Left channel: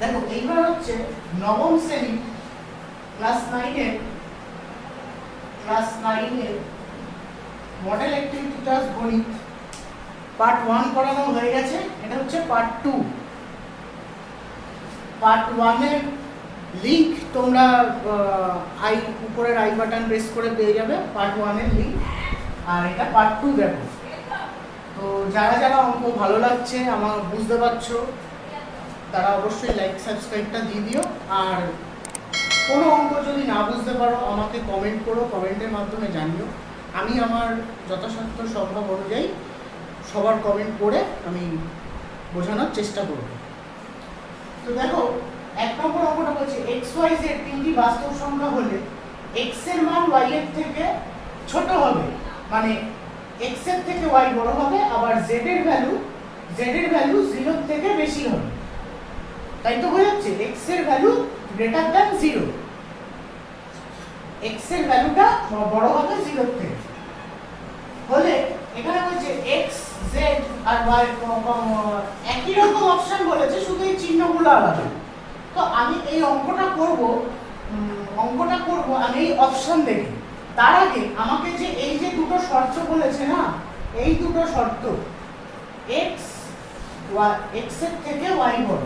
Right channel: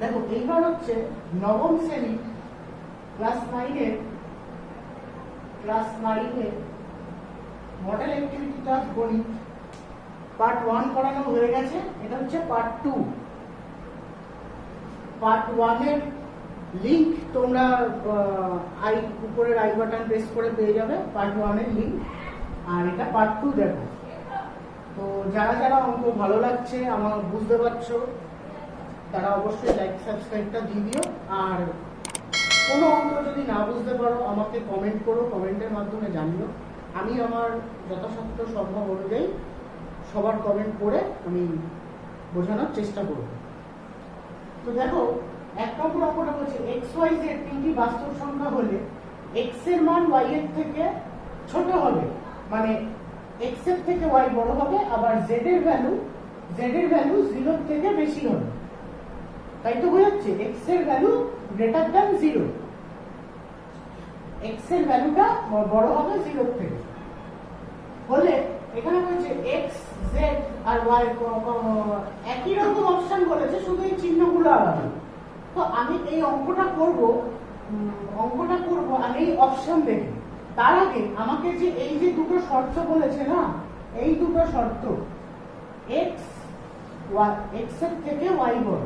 দেখো এইবার হচ্ছে নবম শ্রেণী ক্লাস 9 এর মডেল অ্যাক্টিভিটি ক্লাস গণিত পার্ট 1 করানো হয়ে গেছে। এটা হচ্ছে পার্ট 2। পার্ট 1 এর লিংক তোমরা উপরের আই বাটন প্রেস করে পেয়ে যাবে পার্ট 1 এর লিংক। আর এটা পার্ট 2 দেখো। তো যারা যারা অঙ্ক ভালো লাগছে আমার বুঝতে পারছো তারা অবশ্যই লাইক সাবস্ক্রাইবটা দিয়ে দিও। আর কোনো অঙ্ক যদি না বুঝতে পারো আমাকে কমেন্ট করো, কমেন্টের মাধ্যমে জানিও। আমি আমার যথাসাধ্য সম্ভব অনুযায়ী সবার কমেন্ট করে আমি বোঝানোর চেষ্টা করব। তো দেখো 1 নম্বর অঙ্কটা বলছে এক্স ওয়াই জেড তিনটি বাস্তব সংখ্যা হলে এক্স এর মান ওয়াই এর থেকে ছোট হবে, মানে এক্স এর থেকে ওয়াই বড় হবে, আবার জেড এর ভ্যালু 0 থেকে বেশি হবে। তাই তো বোঝাচ্ছে এক্স এর ভ্যালু গ্রেটার দ্যান 0, এক্স এর ভ্যালুটা বড় হবে 0 থেকে হলে এখানে বলছে এক্স জেড আর ওয়াই একই রকম অপশন বলেছে, শুধু এই চিহ্নগুলো আলাদা। তো আমি এই অঙ্কটা করব আমি এই অপশন দেখে। তার আগে আমাকে যে এই যে দুটো শর্ত বলেছে না, এই দুটো শর্ত এক্স এর থেকে ওয়াই বড়,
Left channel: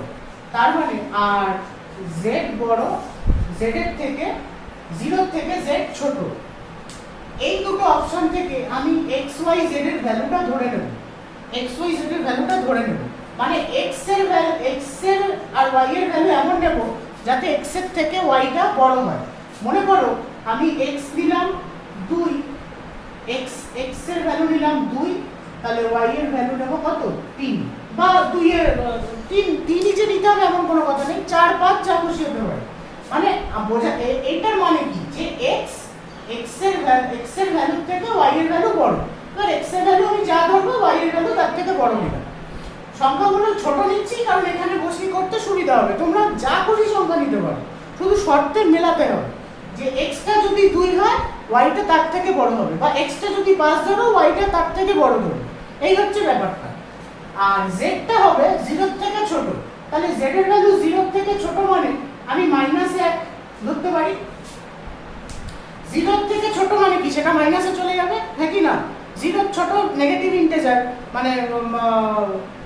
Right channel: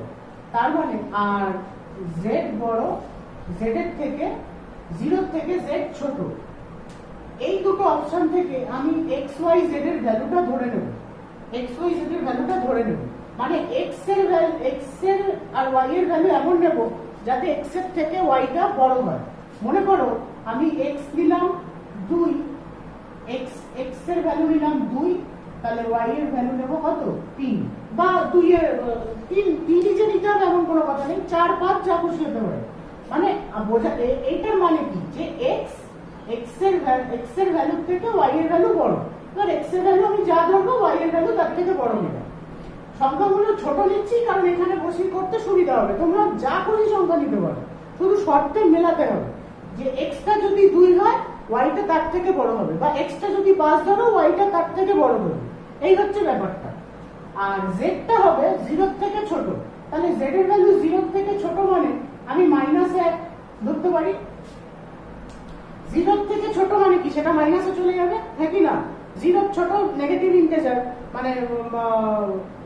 তার মানে আর জেড বড়, জেড এর থেকে 0 থেকে জেড ছোট, এই দুটো অপশন থেকে আমি এক্স ওয়াই জেড এর ভ্যালুটা ধরে নেব। মানে এক্স এর আর ওয়াই এর ভ্যালু এমন নেব যাতে এক্স এর থেকে ওয়াইটা বড় হয়। মনে করো আমি এক্স নিলাম 2, এক্স এর ভ্যালু নিলাম 2, তাহলে ওয়াই এর ভ্যালু নেব কত 3, বা 2 এর 3 নিচে নিতে হবে এমন কোনো কথা নেই, 4 5 যা খুশি হতে পারে। মানে বোঝা এটার মানে কি যে এক্স এর ভ্যালু থেকে ওয়াই এর ভ্যালু বড়। এবার এক্স এর ভ্যালু আমি যা ধরবো ওয়াই এর ভ্যালু তার থেকে বড় নিলাম। সংখ্যাগুলো ছোট নিচ্ছি কারণ এখানে বসিয়ে করতে সুবিধা হবে। তোমরা যা খুশি সংখ্যা নিতে পারো, শুধু শর্তে মেলাতে হবে যে এক্সটা যদি 2 হয় ওয়াইটা তার থেকে বড় হবে, বা এক্সটা যদি 5 ধরো ওয়াইটা তার থেকে বড় ধরো। এই হচ্ছে ব্যাপারটা। আর জেডটা হবে 0 থেকে ছোট, তাহলে জেড এর ভ্যালু 0 থেকে ছোট মানে আমি -1 ধরতে পারি। 0 থেকে ছোট মানে কি, সেটা মাইনাসে চলে যাবে, হ্যাঁ কি না? 0 ছোট নেগেটিভ ইন্টিজার, মানে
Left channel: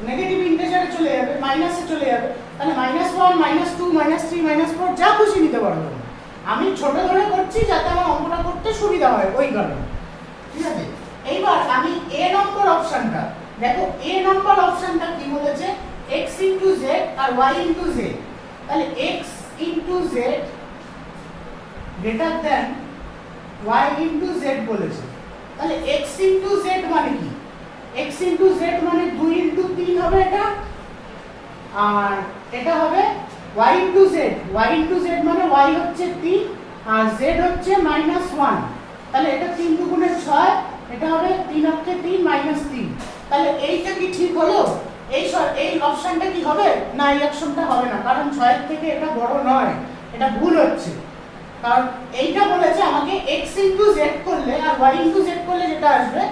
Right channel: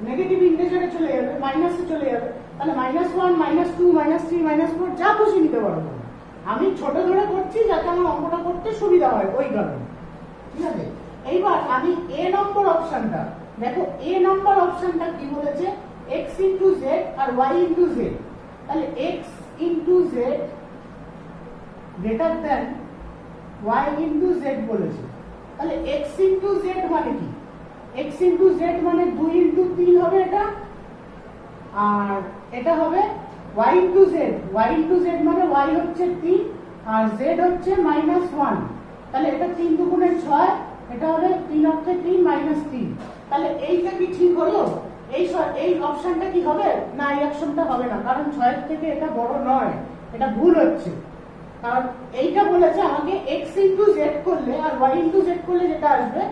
নেগেটিভ ইন্টিজারে চলে যাবে, মাইনাসে চলে যাবে, তাহলে -1 -2 -3 -4 যা খুশি নিতে পারবো। আমি ছোট ধরে করছি যাতে আমার অঙ্কটা করতে সুবিধা হয়, ওই কারণে। ঠিক আছে, এইবার আমি এ নম্বর অপশনটা দেখো। এ নম্বর অপশনটা কি বলেছে, x ইনটু z আর y ইনটু z। তাহলে x into z greater than y into z বলেছে। তাহলে x ইনটু z মানে কি, x ইনটু z মানে 2 ইনটু 3 হবে এটা, আর এটা হবে y into z। y into z মানে y হচ্ছে 3 আর z হচ্ছে -1। তাহলে এটা 3 দুগুণে 6, এটা হবে 3 অক্ষে 3 -3। তাহলে এইটা কি ঠিক হলো? এই অপশনটা কি হবে না? এই অপশনটা হবে না, কারণ 6 এর থেকে এটা বড় নয়, এটা ভুল হচ্ছে। কারণ এইটা বলেছে আমাকে x ইনটু z করলে আর y ইনটু z করলে যেটা আসবে,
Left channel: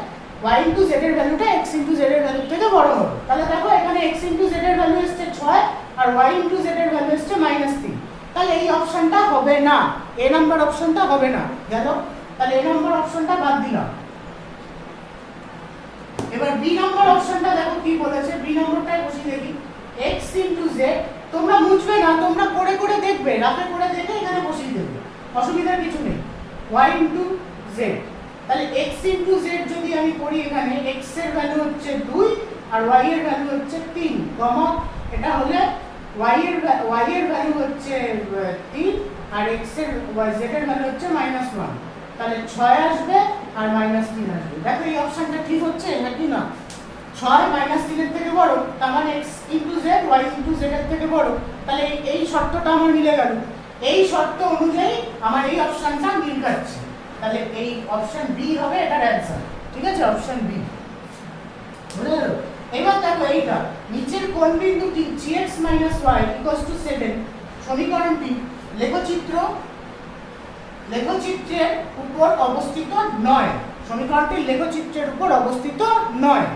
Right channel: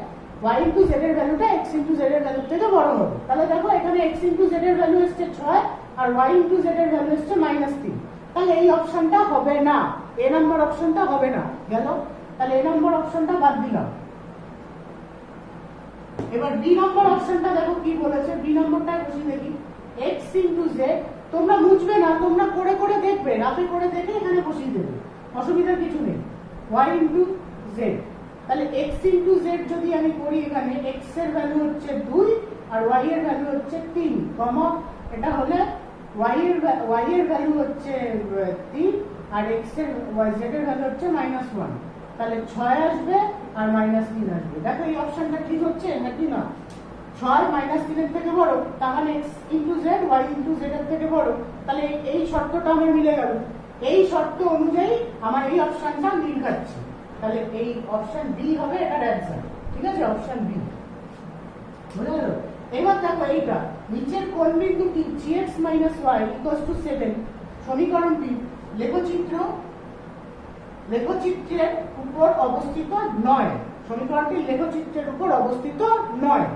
y ইনটু z এর ভ্যালুটা x ইনটু z এর ভ্যালু থেকে বড় হবে। তাহলে দেখো এখানে x ইনটু z এর ভ্যালু এসেছে 6 আর y ইনটু z এর ভ্যালু এসেছে -3। তাহলে এই অপশনটা হবে না, এ নাম্বার অপশনটা হবে না। গেল, তাহলে এ নাম্বার অপশনটা বাদ দিলাম। এবার বি নাম্বার অপশনটা দেখো কি বলেছে, বি নাম্বারটাই বসি দেখি। x ইনটু z, তোমরা মুছবে না, তোমরা করে করে দেখবে, রাতে করে দেখে এখানে বসিয়ে দেবে, অসুবিধার কিছু নেই। y ইনটু z, তাহলে x ইনটু z যদি আমি করি, এখানে x এর ভ্যালু হচ্ছে 2 আর y এর ভ্যালু হচ্ছে 3, কমা এটা হলে y এর ভ্যালু হচ্ছে 3 আর x এর z এর ভ্যালু হচ্ছে -1। তাহলে 6 আসবে আর -3 আসবে। দেখো এই অপশনটা ঠিক হচ্ছে নাকি না? 6 -3 এর থেকে বড়, তার মানে x into z y into z এর থেকে বড়। তাহলে এই শর্তটা আমার মিলে গেল। এই শর্ত অনুযায়ী আমার এই অপশনটা মিল খাচ্ছে। তাহলে এই অপশন বি হবে এটার অ্যানসার। ঠিক আছে, অপশন বি বুঝে গেল। এবার দেখো এইটা নিচের কোন বিন্দুটি gx - y = 7 সমীকরণটি লেখচিত্রের উপর অবস্থিত নয়। সমীকরণটি লেখচিত্রের উপর অবস্থিত নয়।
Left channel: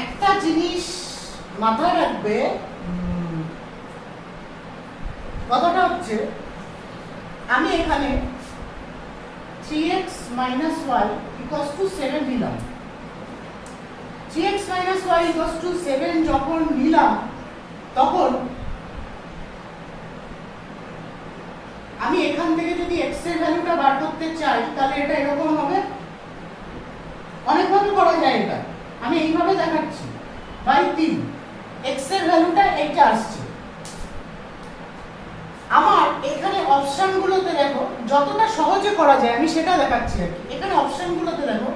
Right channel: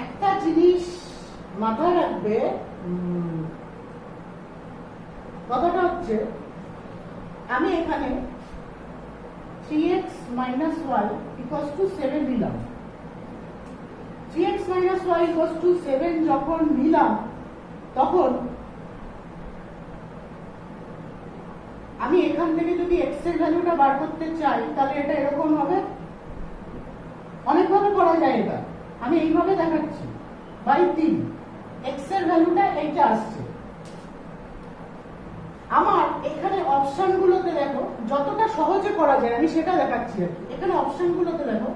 একটা জিনিস মাথায় রাখবে কথাটা হচ্ছে আমি এখানে 3x minus y equals to 7 নিলাম। 3x minus y equals to 7 যখন নিলাম তখন আমি এখান থেকে যদি x এর ভ্যালুটা বার করতে চাই তাহলে এটা এরকম হবে। অনেকভাবে করা যায় এটা, আমি এইভাবে দেখাচ্ছি। বাই 3 x এর ভ্যালুটা এইটা আসছে। আমার এখানে অপশনগুলোতে দেখো যতটা সহজে করা যায় আমি সেটা দেখাচ্ছি আর কি। এখানে অপশনগুলোতে দেখো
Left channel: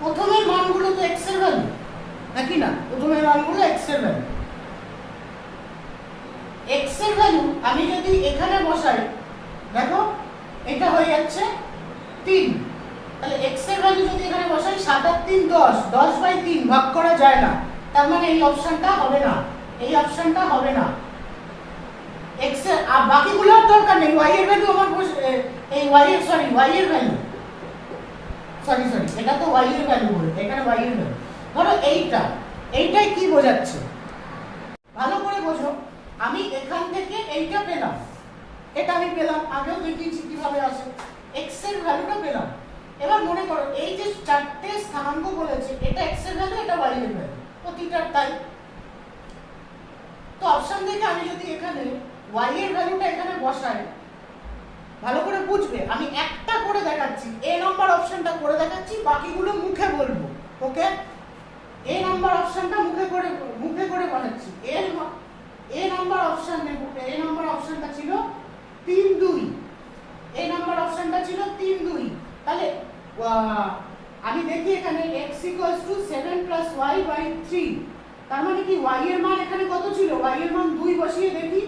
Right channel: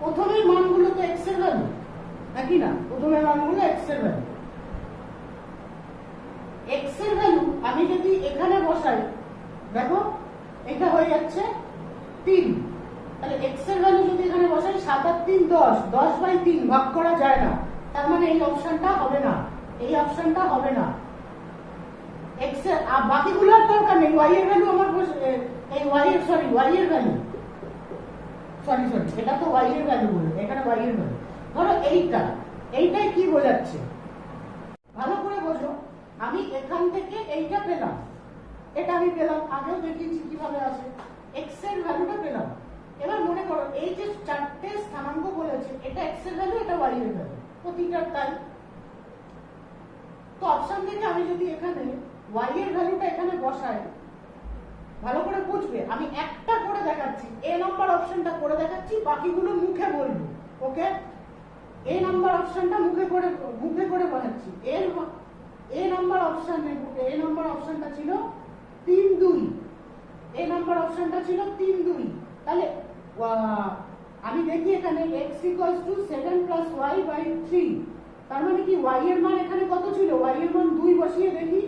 প্রথমের মানগুলো তো x এর ভ্যালু, নাকি না? প্রথমের মানগুলো x এর ভ্যালু। x এর ভ্যালু আমি যদি এখানে বসাই দেখো এটা হয়ে যাচ্ছে 3। তাহলে x এর ভ্যালু যদি এখানে বসাই 7 আর 3 10, 10/3 ভাগ করা যায় না, তার মানে এই অপশনটা হবে না, এই অপশনটা হবে না। x এর আর বাকিগুলোর দরকার নেই। y এর ভ্যালু আমার এই y এর y এর ভ্যালু সরি এটা তো y এর ভ্যালু বলে, এখানে y এর ভ্যালু ধরো এইটাই কি বোঝাচ্ছে ভালো করে বোঝো। আমি এখান থেকে এইটা পেলাম, এটা আমি পেলাম, আগেও দেখিয়েছি কিভাবে আসে। x এর ভ্যালুটা পেলাম। এবার মনে করো এই যে চারটে স্থানাঙ্ক বলেছে, এটা x এর ভ্যালু, এটা y এর ভ্যালু, প্রতিটার তাই। তো অপশন থেকে আমি যদি এখানে y এর ভ্যালুটা এখানে বসাই, ভালো করে বুঝবে, আমি একটা করে দেখাচ্ছি, a নাম্বার অপশনটা করে দেখাচ্ছি, বাকিগুলো মুখে বলবো। ওকে, a নাম্বার অপশনটা মুখে করে বসাচ্ছি। a নাম্বার অপশন নেব। a নাম্বার অপশনটা ছিল 3 2, a নাম্বার অপশনটা ছিল 3 2। তাহলে আমি দেখি এখানে x = 7 + y/3, তার মানে কি y এর মান এখানে কত ছিল? y এর মান 2 বসিয়ে দেখি,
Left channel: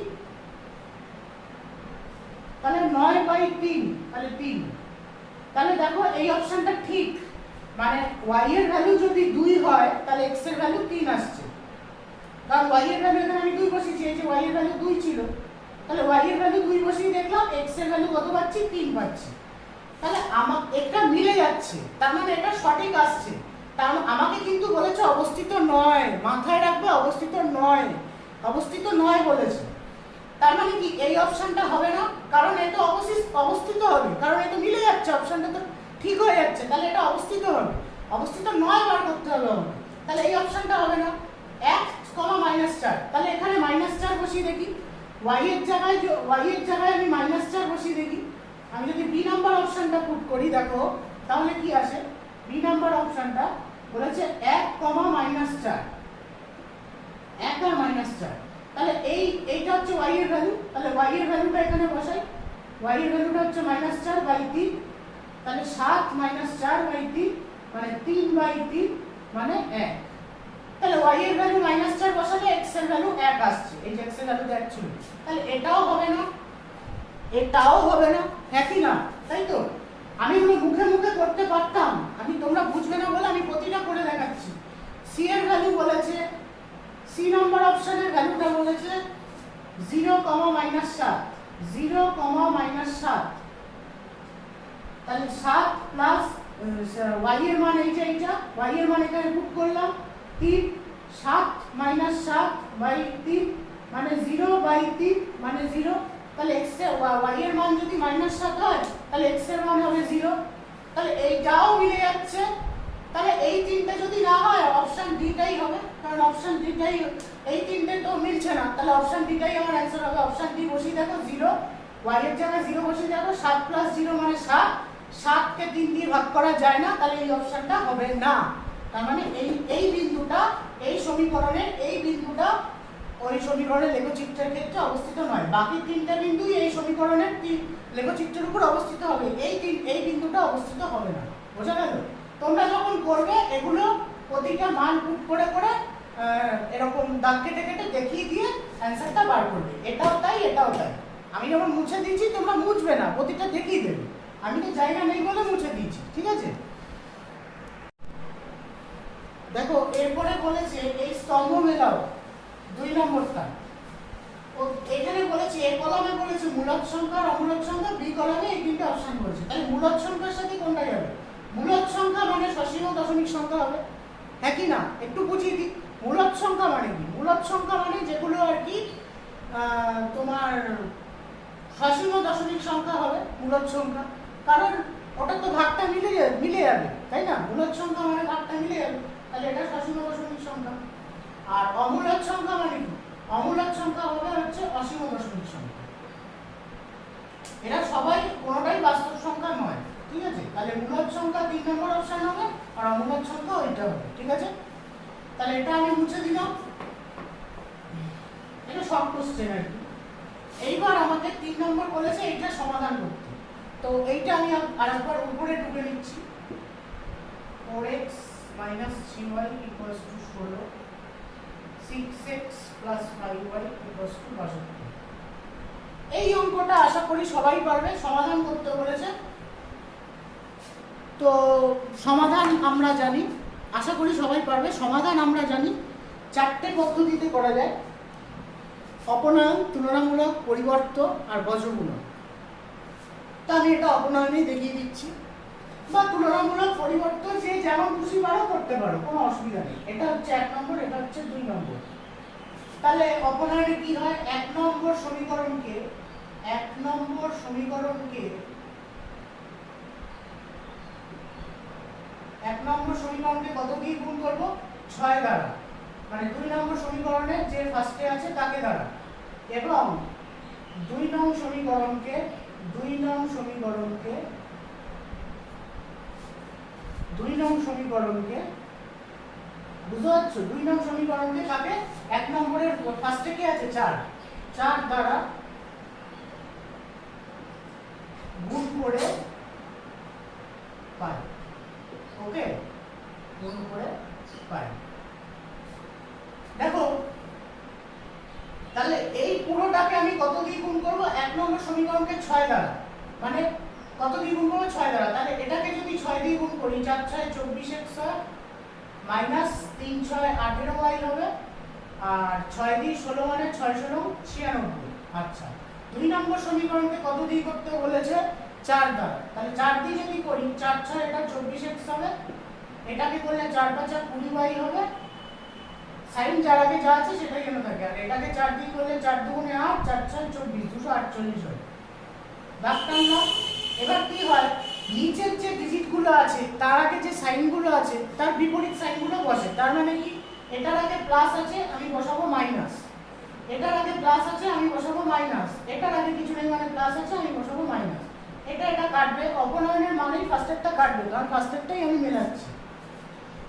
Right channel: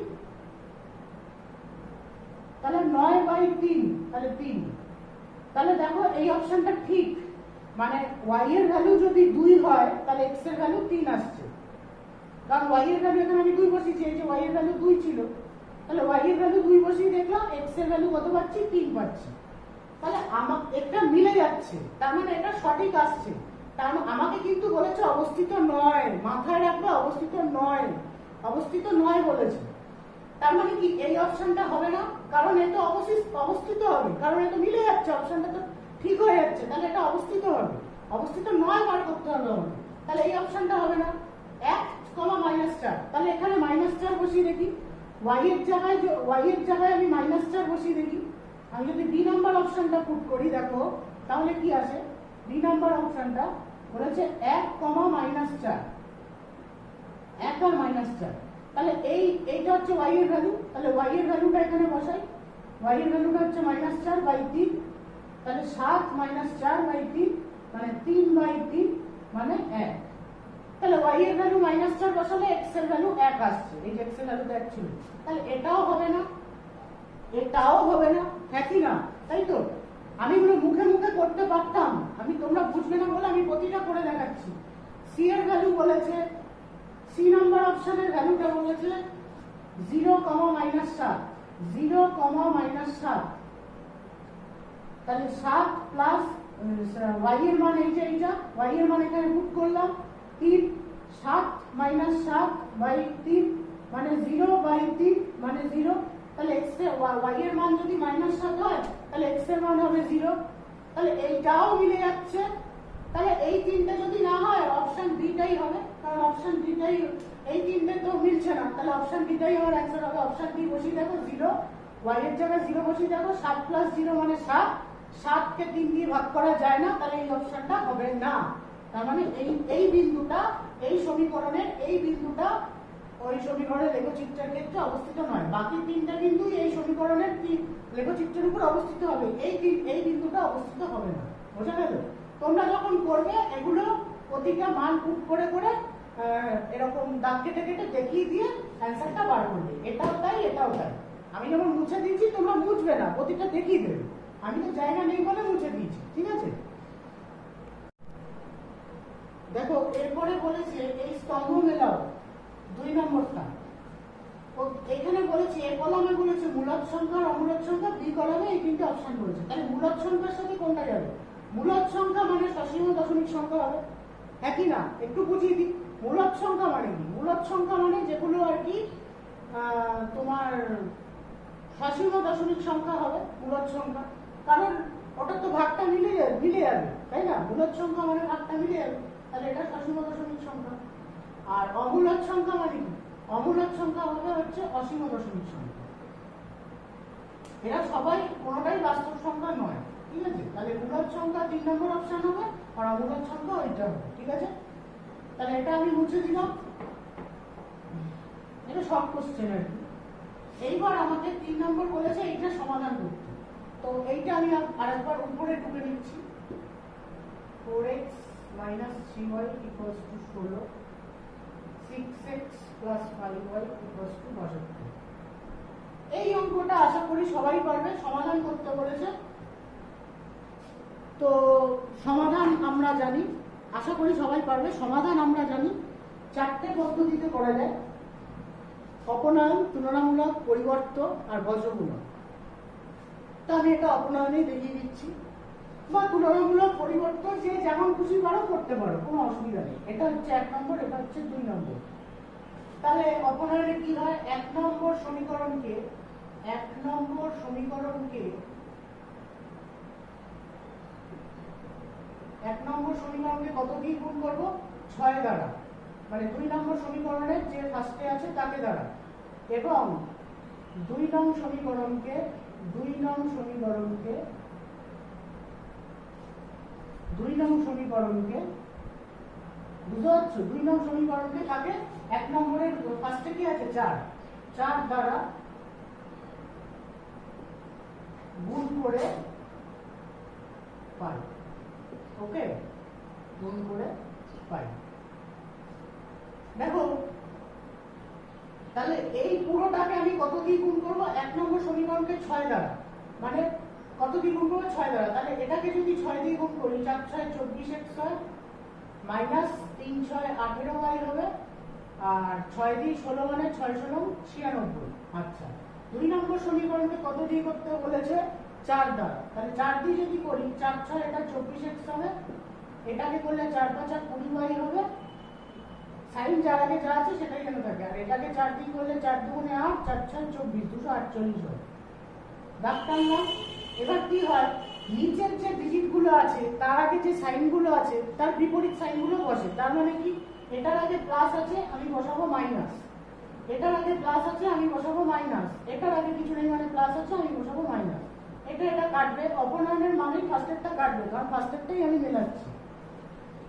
তাহলে 9/3, তাহলে 3। তাহলে দেখো এই অপশনটা ঠিক, মানে y এর ভ্যালু যদি 2 হয় তাহলে x এর ভ্যালু 3 আসছে, কারণ y এর ভ্যালু এখানে আমি 2 বসিয়েছি, এই যে y এর ভ্যালু 2 ছিল, তাহলে y এর ভ্যালু 2 বসিয়ে দেখলাম x এর ভ্যালু কত পাচ্ছি? 3 পাচ্ছি। তাহলে এটা মিলে যাচ্ছে, তার মানে এটা সঠিক আসছে। তার আমাকে কিন্তু বলেছে অবস্থিত নয়, মাথায় রাখবে অবস্থিত নয়, অবস্থিত নয় বলেছে। তার মানে কি এই অপশনটা হবে না, কারণ এটা অবস্থিত হবে, কারণ এটা মিলে যাচ্ছে, অপশনটা তো ঠিক হয়ে যাচ্ছে, তাহলে এটা অবস্থিত হবে। অবস্থিত নয় বার করতে হবে আমাকে, তাহলে এই অপশনটা হবে না। 1, -4, তাহলে এখানে -4 বসিয়ে দেখি, y এর জায়গায় আমি -4 বসিয়ে দেখি। আমি যদি বি নাম্বার অপশনটা পুট করি দেখো তাহলে কি আসে? বি নাম্বার অপশনটা বলেছে 1, -4, 1 আর -4, তাহলে এইটা হচ্ছে y এর ভ্যালু, তাহলে y এর ভ্যালুটা এখানে বসাই। y এর ভ্যালুটা হচ্ছে -4/3, তাহলে 7 - 4/3 মানে 3/3 মানে 1। তাহলে y এর ভ্যালু -4 বসালে x এর ভ্যালু 1 আসছে, এই যে x এর ভ্যালু 1 ছিল, তাহলে এটাও হবে না, এটাও হবে না, হ্যাঁ কি না? তাই তো আমি এগুলো মুখে করতে পারতাম, তোমরা বুঝবে না বলে আমি প্রতিটা করে দেখাচ্ছি। সি এর ভ্যালু বলেছে, সি নাম্বার অপশনের ভ্যালুটা বলেছে 0, -7, 0, -7, তাহলে 7 প্লাস y এর মান এইটা, y এর মান এখানে পুট করলাম 3, 7 - 7/3 মানে 0/3 মানে 0। তাহলে x এর y এর মান যদি -7 হয় তাহলে x এর মান হবে 0, তাহলে এইটাও মিলে যাচ্ছে। তাহলে এই তিনটে যদি না হয় অপশন ডিটাই হবে, কারণ অপশন ডিটাই, এই তিনটে তো মিলছে না, তাহলে অপশন ডিটাই আমার অ্যানসার হবে। অপশন ডি বসিয়ে দেখো 0, y এর জায়গায় 0 বসিয়ে দেখো, 7 + 0 মানে 7, 7 কে 3 দিয়ে ভাগ করা যায় না, তাহলে এই অপশনটা হবে না। তার মানে এই বিন্দুটা, এই সমীকরণের এই বিন্দুটা ওই সমীকরণের লেখচিত্রের ক্ষেত্রে অবস্থিত নয়। বাকি তিনটা বিন্দু এই সমীকরণের লেখচিত্রের উপর অবস্থিত হবে, এই বিন্দুটা অবস্থিত হবে না। বোঝা গেল? তোমরা যখন করবে এগুলো প্রতিটা মান পুট করে এরকম দাগ কেটে দেখিয়ে দিয়ে অ্যানসারটা বার করবে। এটাও তাই, এটাও তাই। আমি যখন মুছে দিয়েছি তোমরা মুছবে না, প্রতিটা দেখিয়ে দেবে। আমি তো জায়গা নেই বলে মুছে দিয়েছি, ঠিক আছে? দেখো এরপরে বলেছে এই স্তম্ভ মেলাও 2 নম্বরটা। এখানে বলেছে এ কলামে বলেছে মূলদ সংখ্যা আর অমূলদ সংখ্যা, বি কলামে এই তিনটে অপশন বলেছে। তাহলে মূলদ সংখ্যার সাথে কোনটা যাবে? মূলদ সংখ্যা মানে সসীম দশমিক সংখ্যা হবে, হ্যাঁ কি না? একটু বুঝিয়ে দিই। মূলদ সংখ্যা মানে কি? মূলদ সংখ্যা মানে যেগুলো আর কি তোমার সসীম দশমিক সংখ্যা হবে মূলদ সংখ্যা, কারণ ওটা তো ভাগটা মিলে যাবে, তাই না? মূলদ সংখ্যা মানে ভাগটা মিলে যাবে, তাহলে এটা সসীম দশমিক সংখ্যা। আর অমূলদ সংখ্যা মানে কি? অমূলদ সংখ্যা হবে হচ্ছে অসীম দশমিক সংখ্যা। এরা সবাই কোনোটাই বাস্তব সংখ্যা নয়, ঠিক আছে? তাহলে মূলদ সংখ্যা 3 নম্বর অপশন হবে, আর অমূলদ সংখ্যা ওইটা হবে, ঠিক আছে? তাহলে এটা আমি মুছে দিলাম, এটা শর্ট কোশ্চেন আর কি। এইবার আমাকে 3 নম্বর বলেছে এইটা সমাধান করতে, তো এইটা আমি আরেকবার উপরে টুকে নিচ্ছি। 4x - 3y = 16, 6x + 5y = 62। এই অঙ্কটা আশা করি সবাই পারবে, সমাধান করতে বলেছে। তো সমাধান আমরা জানি, আশা করি সবাই পারবে। সমাধান আমরা জানি 4টে পদ্ধতিতে করা যায়: অপনয়ন, তুলনামূলক, পরিবর্ত আর বজ্রমূলক। তা আমি এটা অপনয়নেই দেখিয়ে দিচ্ছি, বা তুলনামূলক, পরিবর্ত যে যেমন খুশি পারো করতে পারো, কোনো অসুবিধা নেই। এটা হচ্ছে 1 নম্বর, এটা হচ্ছে 2 নম্বর। তাহলে অপনয়নে কি হয়? 1 নম্বর সমীকরণকে কত দিয়ে গুণ করব? 6 দ্বারা, মানে 2 নম্বর সমীকরণের যে ফার্স্টে আছে তাকে দ্বারা, এবং 2 নং সমীকরণকে বুঝতে পারছো? 2 নং সমীকরণকে থাকে 1 নম্বরের ফার্স্টে কি আছে? 4 দ্বারা গুণ করে পাই। ওকে, গুণ করে পাই। দেখো, তাহলে এই পুরোটাকে আমি কত দিয়ে গুণ করব? 1 নম্বর সমীকরণকে 6 দ্বারা, মানে কত দিয়ে গুণ করব? 6 দ্বারা। তাহলে এটাকে যদি 6 দিয়ে গুণ করি, 4 6 24x হয়, মাইনাস 3 6 18y হবে, আর 6 দিয়ে 16 মানে 6 16 96। আচ্ছা, 2 নম্বর সমীকরণকে কত দিয়ে করতে বলেছে? 4 দ্বারা। তাহলে 4 দিয়ে যদি করি, 4 6 এটা 24x হবে, এটাকে করলে 4 5 20y হবে, সাইন যার আগে যা আছে সেটাই কেন থাকে, আর এটাকে 4 দিয়ে করলে 4 2 8, 4 6 24, 248 হয়। দাগটাম না? এবার কি হয়, নিচের যে ডিজিটগুলো আছে তার আগে যে সাইনগুলো আছে তার বিপরীত সাইনগুলো বসে। তার মানে কি, এটার আগে প্লাস আছে আমি বসাবো মাইনাস, এটার আগে প্লাস আছে আমি বসাবো মাইনাস, এটার আগে কিছু নেই মানে প্লাস আছে আমি বসাবো মাইনাস। এটা কাটবে, অপনয়নের মানেই ফার্স্টেরটা কাটবে, কারণ ফার্স্টেরটাই আমি মেলাচ্ছি।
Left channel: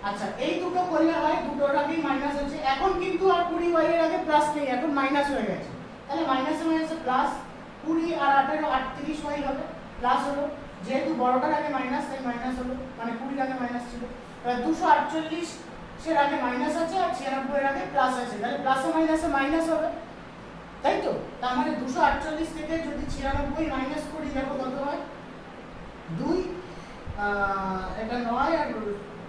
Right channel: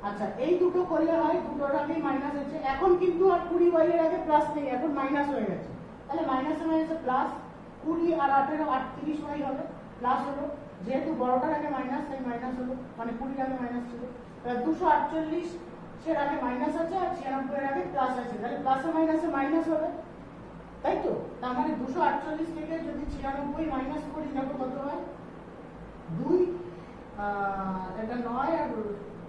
আচ্ছা, এই দুটো করলে হয়, দুটোর আগে মাইনাস আছে। এখন কিন্তু আর 20y এর আগে প্লাস নেই, এখন মাইনাস হয়ে গেছে। তাহলে মাইনাসে মাইনাসে প্লাস, 20 আর 18 38y হবে, প্লাস হলো। যেহেতু বড়টার আগে মাইনাস তাই মাইনাস হলো, মানে 20 এর আগে মাইনাস ছিল। তাহলে 248 এর আগে মাইনাস আছে আর 96 এর আগে প্লাস আছে, তাহলে প্লাসে মাইনাসে মাইনাস হবে, তাই তো? তার মানে 248 থেকে যদি 96 মাইনাস করি, দেখো কত হয়? 2 এটা 9 আর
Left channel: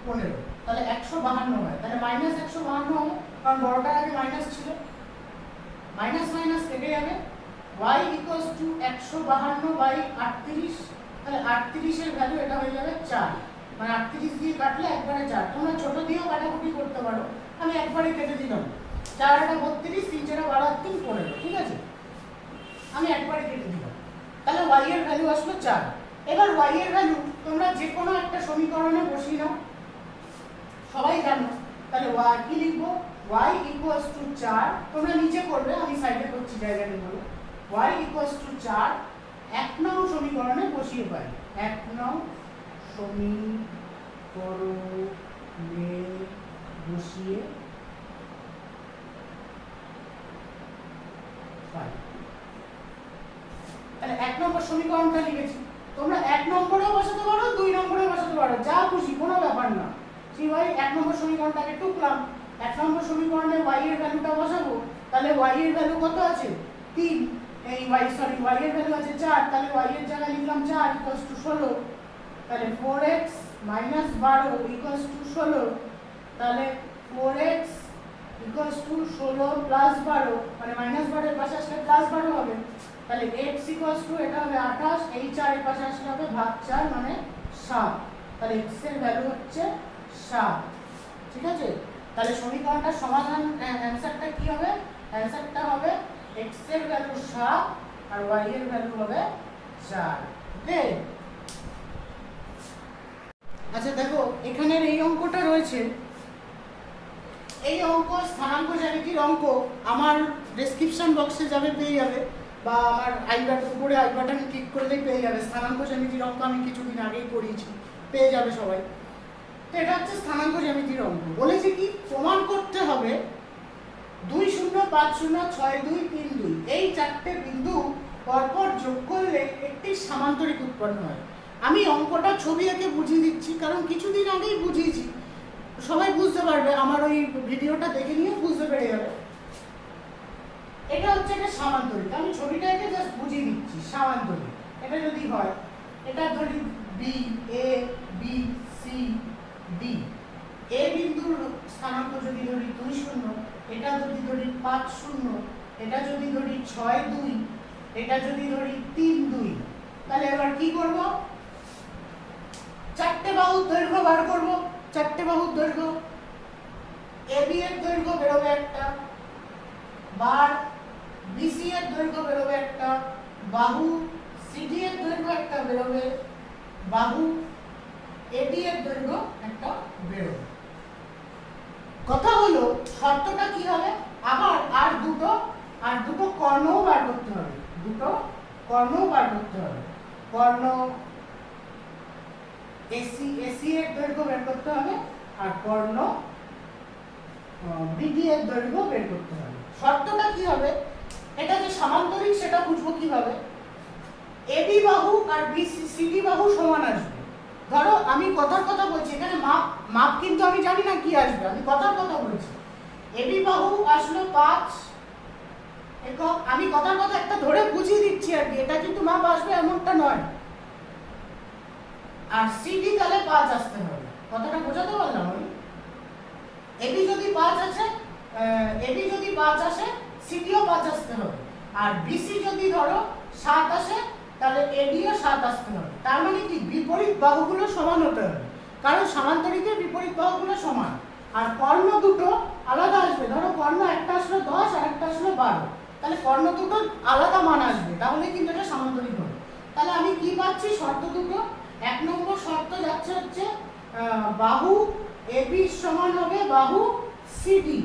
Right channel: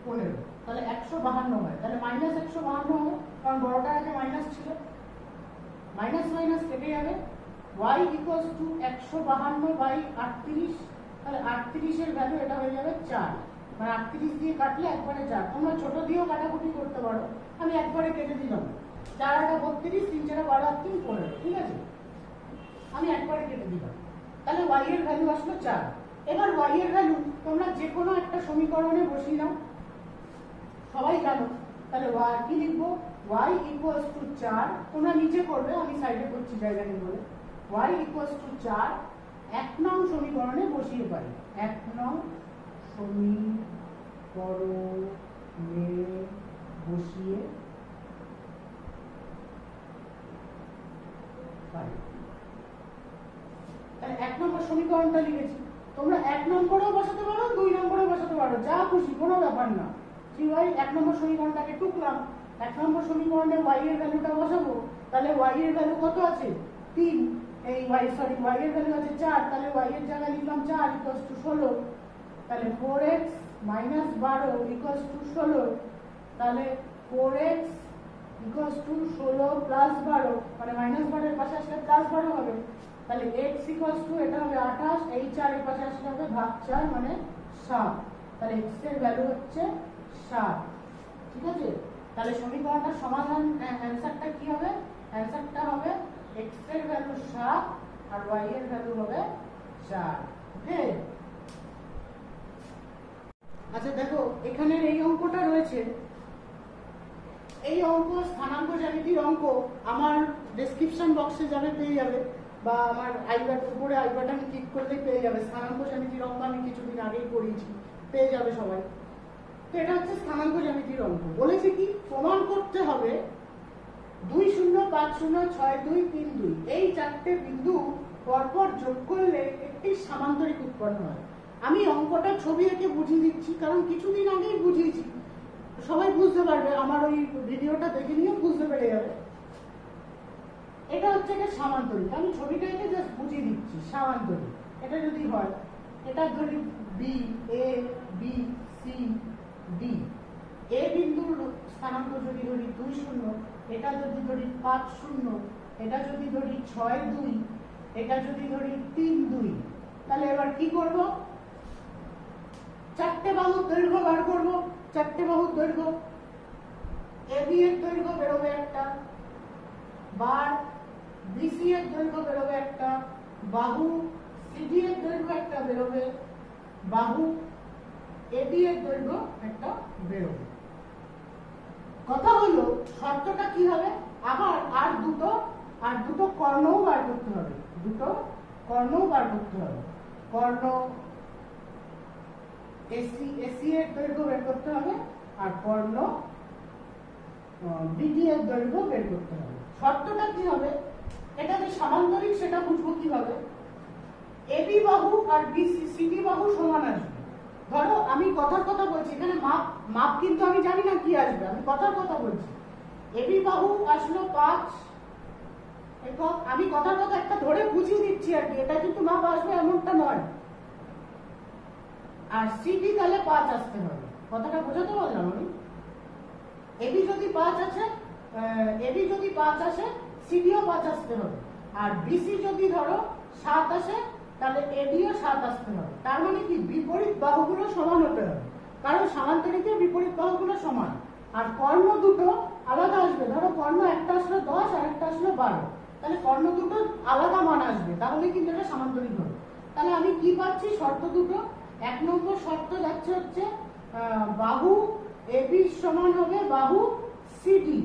15, তাহলে 152 হয়। তাহলে মাইনাস 152 হবে, কারণ বড়টার আগে মাইনাস ছিল। মাইনাস মাইনাস কেটে যাবে, y = 152/38। তাহলে 38 এর ভ্যালু এটা হয়ে যাবে 4, মানে 38 দিয়ে কাটলে একবারে 4। তোমরা ছোট দিয়েও কাটাকুটি করতে পারো, আমি একবারে কেটে দিলাম। 4 এটা 32, 3 4 12 আর 3 15, ঠিক আছে? আমি একবারে কেটে দিলাম। তাহলে y এর ভ্যালু আসলো 4। এবার y এর ভ্যালু তোমরা যে কোনো একটা সমীকরণে বসিয়ে নাও, সবাই জানো। তাহলে y কি লিখবো? y = 4, তোমরা নিচে করবে, আমি সাইডে করছি জায়গা নেই বলে। y = 4 1 নং সমীকরণে বসিয়ে পাই। 1 নং সমীকরণে বসিয়ে পাই। তাহলে 1 নম্বর সমীকরণটা লিখেছি। তোমরা 1 নম্বরেও বসাতে পারো, 2 নম্বরেও বসাতে পারো, যা খুশি, কোনো ব্যাপার না। কি ভাই, 1 নম্বর সমীকরণটাকে টুকলাম, 1 নম্বর সমীকরণে y এর ভ্যালুটা বসাবো। তাহলে y এর ভ্যালু কত আছে? 3। এই y এর ভ্যালু আছে 4, তাহলে y এর জায়গায় লিখলাম 4 = 16। তাহলে 4x - 12 = 16। তাহলে 4x = 16 + 12, মানে -12 এর পাশে আসলে +12 হবে। তাহলে x = এটা হবে 28, এই 4 এর পাশে আসলে হবে /4, মানে 7। তাহলে x এর ভ্যালু হচ্ছে 7, ঠিক আছে? তাহলে সমীকরণটার সমাধান অ্যান্সারটা কি হবে? অ্যান্সারটা হবে x এর ভ্যালু 7 আর y এর ভ্যালু হবে 4। ওকে, আচ্ছা দেখো এখানের এই অঙ্কটা রয়েছে, এই অঙ্ক স্থানাঙ্ক জ্যামিতির অঙ্ক আমার ডেসক্রিপশন বক্সে যাবে, পেয়ে যাবে, বা আমার উপরে আই বাটনে ক্লিক করলেই পেয়ে যাবে। স্থানাঙ্ক জ্যামিতির অঙ্ক আমি কিছুদিন আগেই করিয়েছি, পেয়ে যাবে সবাই। তো এটা হচ্ছে স্থানাঙ্ক জ্যামিতির অঙ্ক। বলেছে কি প্রমাণ করতে হবে 2 0 5 0 6 2 3 2 এই চারটে বিন্দু পরপর যোগ করলে একটি সামান্তরিক উৎপন্ন হয়। আমি অঙ্কটা ছবি এঁকে বুঝিয়ে দিচ্ছি, কারণ কিছুদিন আগেই বুঝিয়েছি, সবাই বুঝতে পারবে, আমার ওই ভিডিওটা দেখে নিয়ে বুঝতে পেরে যাবে। এটা হচ্ছে একটা সামান্তরিক, আমি ছবিটাকে জাস্ট বুঝিয়ে দিচ্ছি। সামান্তরিক এটা যদি হয়, এটা ধরি B, A B C D, এ বিন্দুর স্থানাঙ্ক যদি ধরি 2 0, এটা যদি ধরি 5 0, এটা যদি ধরি 6 2, এটা যদি ধরি 3 2, তাহলে এবার কি করব? চারটে বাহুর দৈর্ঘ্য বার করব। চারটে বাহুর দৈর্ঘ্য, এবি এর দৈর্ঘ্য বেরোবে একটা, বার বিসি এর দৈর্ঘ্য বেরোবে একটা, বাহু সিডি এর দৈর্ঘ্য একটা বেরোবে, বাহু এডি এর দৈর্ঘ্য একটা বেরোবে। কথা হলো শর্তটা কি হবে? আবার আর দুটো কর্ণও বার করতে হবে, দুটো কর্ণও বার করতে হবে। কর্ণ এসি এর দৈর্ঘ্য বের করতে হবে, আর কর্ণ বিডি এর দৈর্ঘ্য বের করতে হবে। শর্তটা কি হবে? এটা যে সামান্তরিক সেটা বুঝবো কিভাবে? এবি বাহু আর বিসি সিডি বাহু সমান আসবে। ধরো আমি কথার কথা বলছি, এখানে মাপ কিন্তু আমি জানি না কি আসবে, আমি কথার কথা বলছি। এবি বাহু আসলো 5 একক, আমি কথার কথা একটা ধরে বুঝিয়ে দিচ্ছি আর কি, এটা কিন্তু মাপ আসবে এমনটা নয়। আর সিডি তাহলে 5 আসতে হবে। কথাটা বোঝাতে পারলাম আমি? এবি যদি 5 আছে, এবি যদি 5 আসে, সিডিও 5 আসতে হবে। আর বিসি যদি ধরো 7 আসে, তাহলে এডিও 7 আসতে হবে। তার মানে কি বিপরীত বাহুগুলো সমান হতে হবে, কারণ সামান্তরিকের বিপরীত বাহুগুলো সমান। আর কর্ণ দুটো আলাদা আসবে। ধরো কর্ণ একটা আসলো 10 আর একটা আসলো 12, তাহলে কর্ণ দুটো আলাদা মান আসবে, তাহলে কিন্তু এটা সামান্তরিক হবে। তাহলে আমি কি পাচ্ছি? শর্ত দুটো। 1 নম্বর শর্ত যাচ্ছে হচ্ছে বাহু এবি সমান হবে বাহু সিডি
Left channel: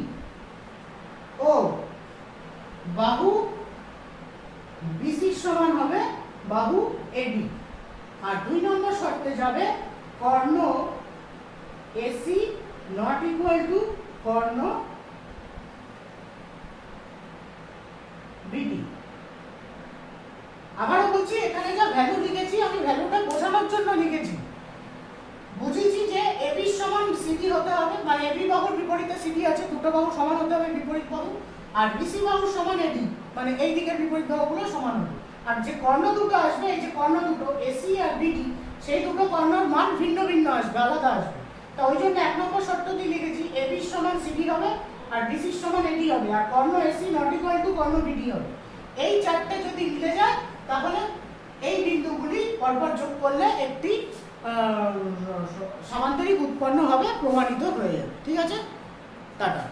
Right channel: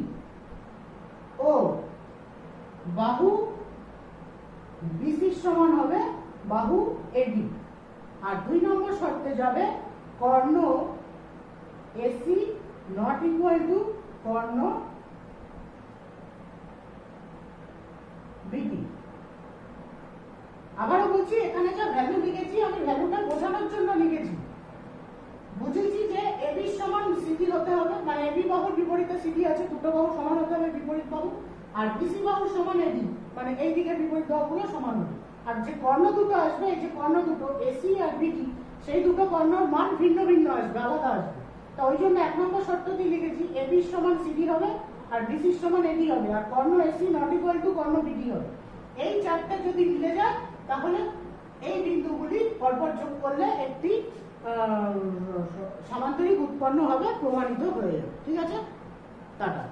ও বাহু বিসি সমান হবে বাহু এডি। আর 2 নম্বর শর্তে যাবে কর্ণ এসি নট ইকুয়াল টু কর্ণ বিডি। আবারও বলছি, এখানে যা ভ্যালু লিখেছি আমি ভ্যালুটা বোঝানোর জন্য লিখেছি। বুঝেছি যে এবি সমান সিডি হতে হবে, মানে এবি বাহুর বিপরীতে সিডি আছে, দুটো বাহু সমান হতে হবে বিপরীত বাহু। আর বিসি বাহু সমান এডি, মানে এই দিকের বিপরীত বাহুগুলো সমান হবে। আর যে কর্ণ দুটো আসবে, এই যে কর্ণ দুটো এসি আর বিডি, সেই দুটো কর্ণর মান ভিন্ন ভিন্ন আসবে, আলাদা আসবে। তো ওই জন্য 1 নম্বর শর্ত দিয়ে লিখেছি এবি সমান সিডি হবে আর বিসি সমান এডি হবে, আর কর্ণ এসি নট ইকুয়াল টু কর্ণ বিডি হবে। এই চারটে যদি মিলে যায়, তাহলে এই বিন্দুগুলি পরপর যোগ করলে একটি সামান্তরিক উৎপন্ন হবে, প্রমাণিত হয়ে যাবে। ঠিক আছে, টাটা।